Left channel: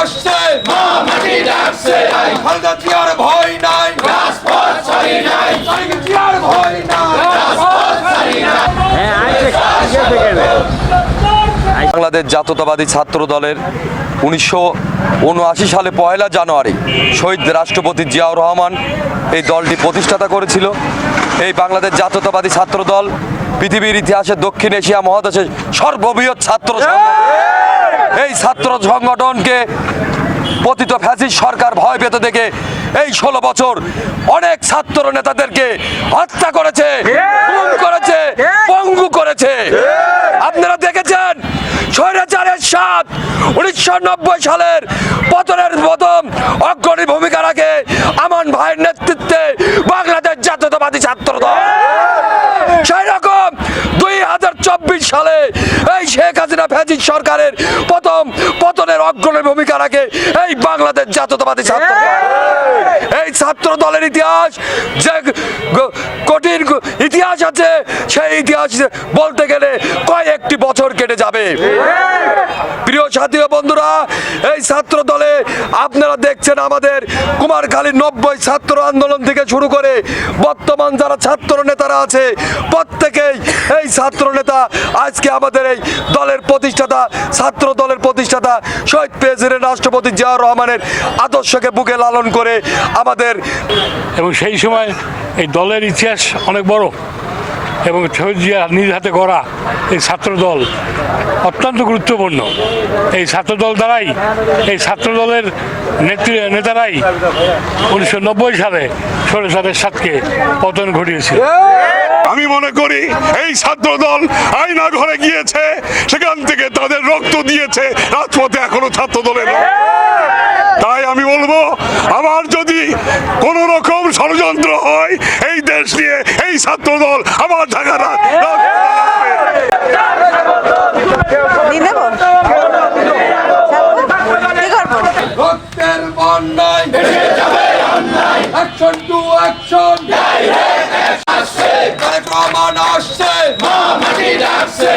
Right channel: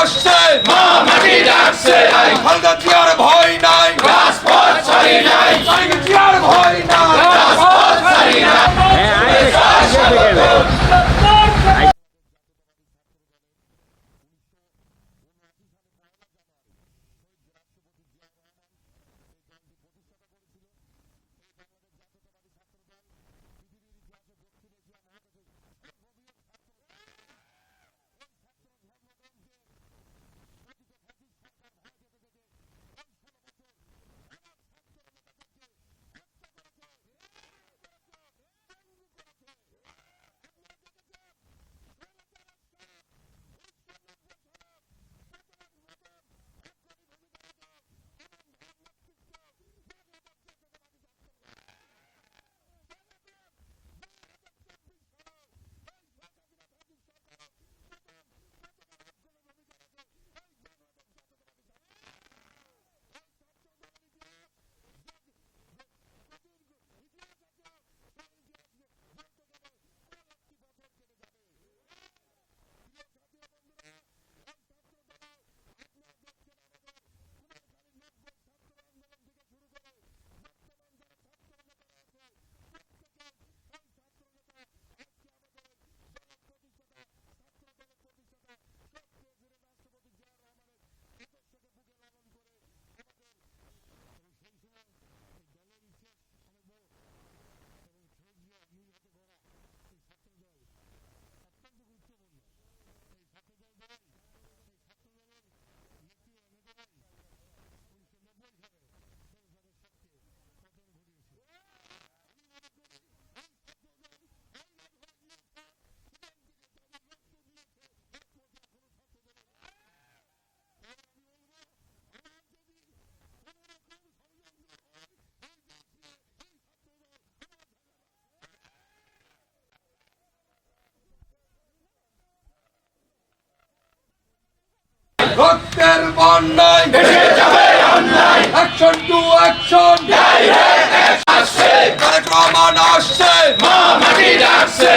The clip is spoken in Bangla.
আসছে মা মাটি ডাকছে। খালেদা জিয়ার ভয় নাই রাজপথ ছাড়ি নাই। জিয়ার ভয় নাই রাজপথ ছাড়ি নাই। বাংলাদেশ জাতীয়তাবাদী ছাত্র দলের উনিশশো উনআশি সালে পয়লা জানুয়ারি শহীদ রাষ্ট্রপতি জিয়াউর রহমান এই দলটি প্রতিষ্ঠাতা করেছিল। এই বাংলাদেশ জাতীয়তাবাদী ছাত্র দল পৃথিবীর ইতিহাসে দক্ষিণ এশিয়া মহাদেশের সর্ববৃহৎ ছাত্র সংগঠন। ছাত্র সংগঠনকে পতিত ফ্যাসিস্ট সরকার ভয় পেতে দেখে এই ষোলো বছর অনেক ছাত্র নেতাদেরকে হত্যা করেছে গুম করেছে, পঙ্গু করেছে। আপনারা দেখেছেন স্বৈরাচারের সাত উনিশশো সালের পতনের প্রথম অগ্রণী ভূমিকা রাখে আমান ভাইয়ের নেতৃত্বে বাংলাদেশ জাতীয়তাবাদী ছাত্র দল সেই রকম দুই হাজার চব্বিশ সালে এই শেখ হাসিনা ফ্যাসিস সরকারের প্রথম পতনের অগ্রণী ভূমিকা রাখে এই বাংলাদেশ জাতীয়তাবাদী ছাত্র এই ছাত্র দলের ইতিহাস যে কঠিন ইতিহাস আছে সেই ইতিহাস বলতে গেলে কয়েকটি বছর কেটে যাবে? প্রিয় সাথী বন্ধুরা এই ছাত্র দলে আপনারা দেখছেন আমাদের কুমারখালীর নব্বই ছাত্র আন্দোলন থেকে শুরু করে বর্তমান যারা ছাত্র নেতারা আছে, প্রত্যেকেই এই ছাত্র নেতা আজকে আমাদের এই দলের প্রতিষ্ঠাতা, ছাত্র দলের প্রতিষ্ঠাতা শহীদ প্রেসিডেন্ট রাষ্ট্রপতি জিয়াউর রহমানের আদর্শকে বুকে লালন করে আমাদের এবং সেই সময় এই দলের ইতিহাস অনেক বড়। এবং শহীদ জিয়া নিজ হাতে গড়া এই ছাত্রদল অত্যন্ত গুরুত্বপূর্ণ। এই ছাত্রদল দ্বারাই, এই ছাত্রদলের নেত্রী, নেতারাই উনিশশো নব্বই সালে সরেসাদের সাতকে পতন ঘটিয়েছে আমি মনে করি এই ছাত্র দল আয়না ঘরে গিয়েছে, সেখান থেকে তাদের রক্ত দিয়েছে, রাজপথে এখনও ছাত্র দলের তাই আমি বলব আবার যদি কোন রকম ষড়যন্ত্র হয়, এই দেশ নিয়ে এই ছাত্র দল আমার ঢাকা রা- দিয়ে দেবো? কি করব? রক্তের বন্যায় ভেসে যাবে অন্যায়। অ্যাকশন টু অ্যাকশন আসছে তারেক আসছে মা মাটি ডাকছে।